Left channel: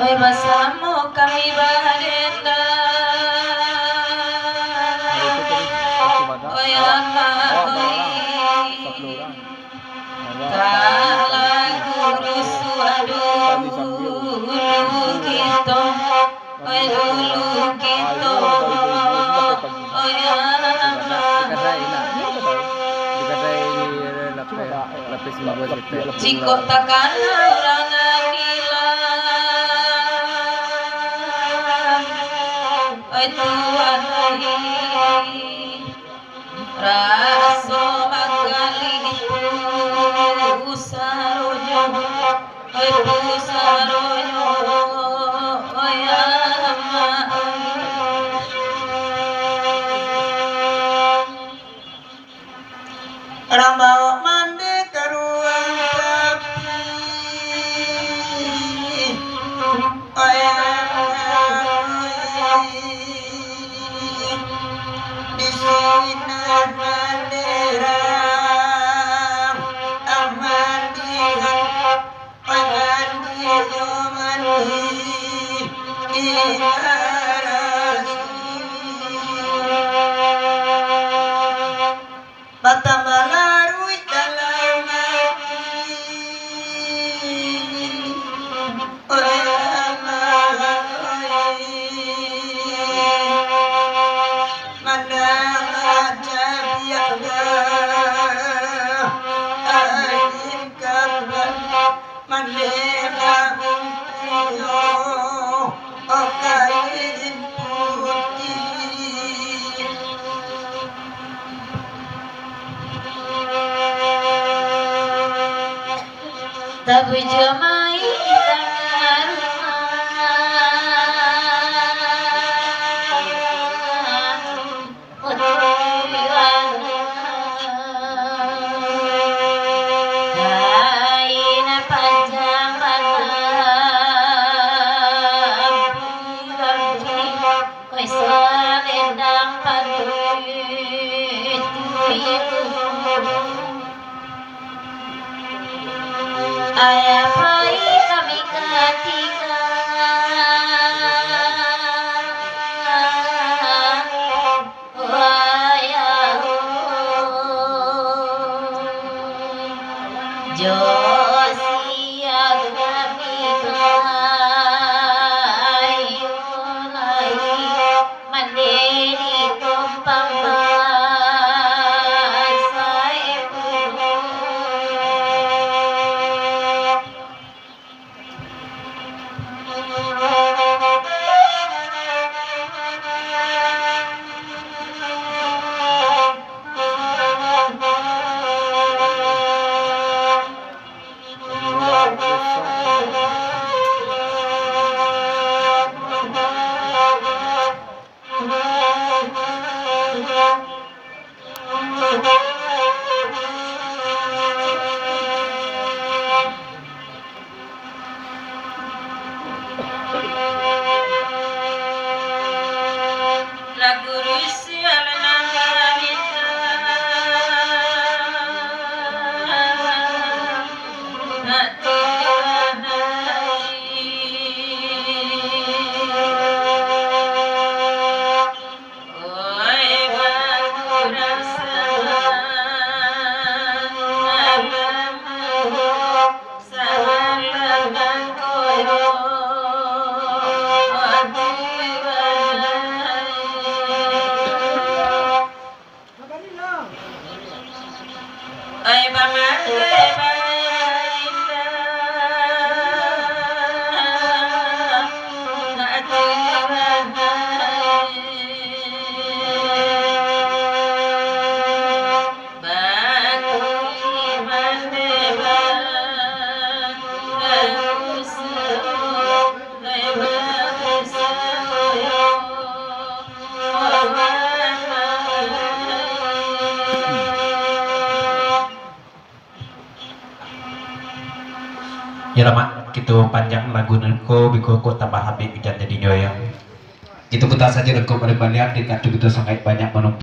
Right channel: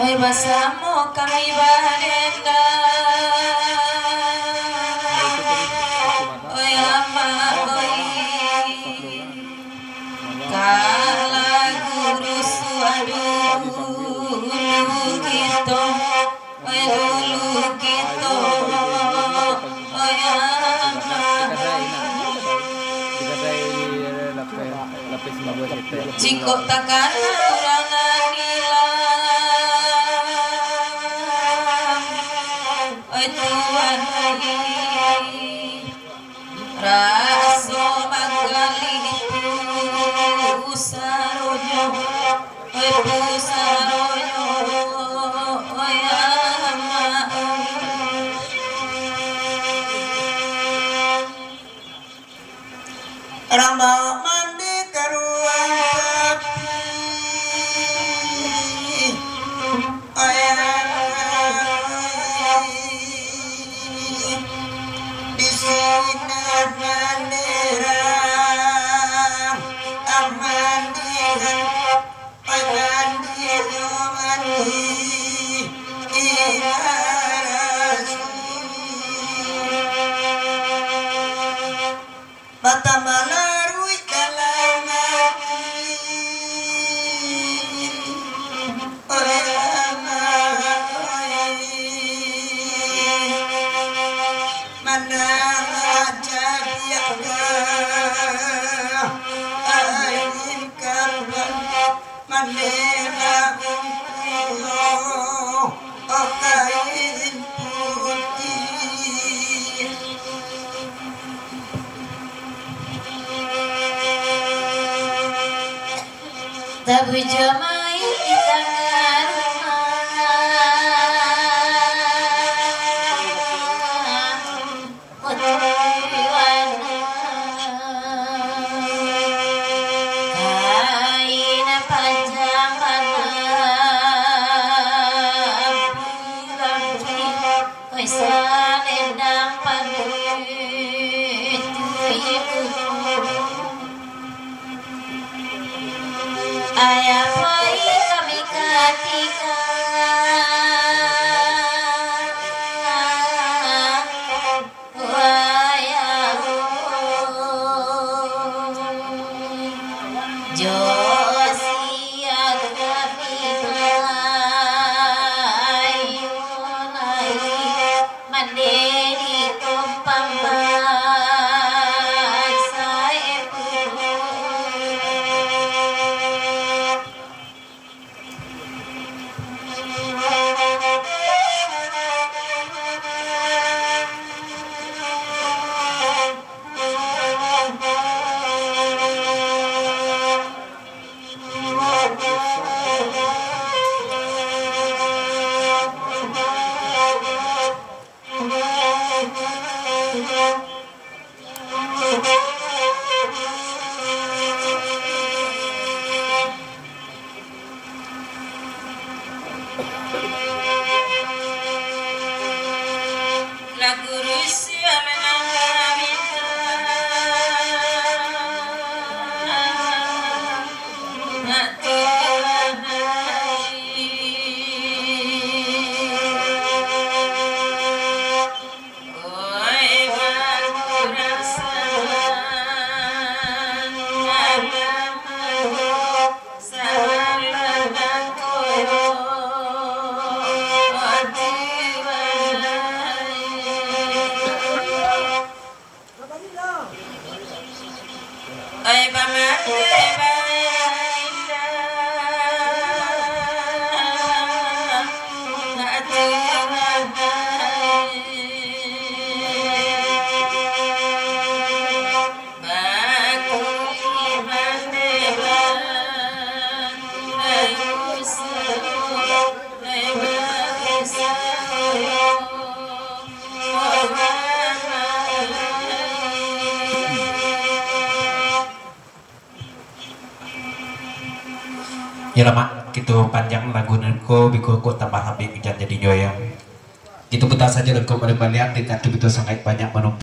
Oi bersama kami badenda, oi lama oi kala guru suadu dulu kita, oi dulu kita, oi lama jika takkan orang Tuhan raso magali pusarojo pusarojo oyama ramba mandi karuang sapi oyama Bata malarui dalam Tabu jamai tangan kain panjang malam koi salendang padu ibu ayah bayi kami ketika ayah Josia kami ayu naik mandiri tumpang Ya lama gitu panjang lagu nengko biko ko tambah habis bikin jadi nyoya. Itu kita saja nengko pada banyak tingkat itu sangat banyak menonton.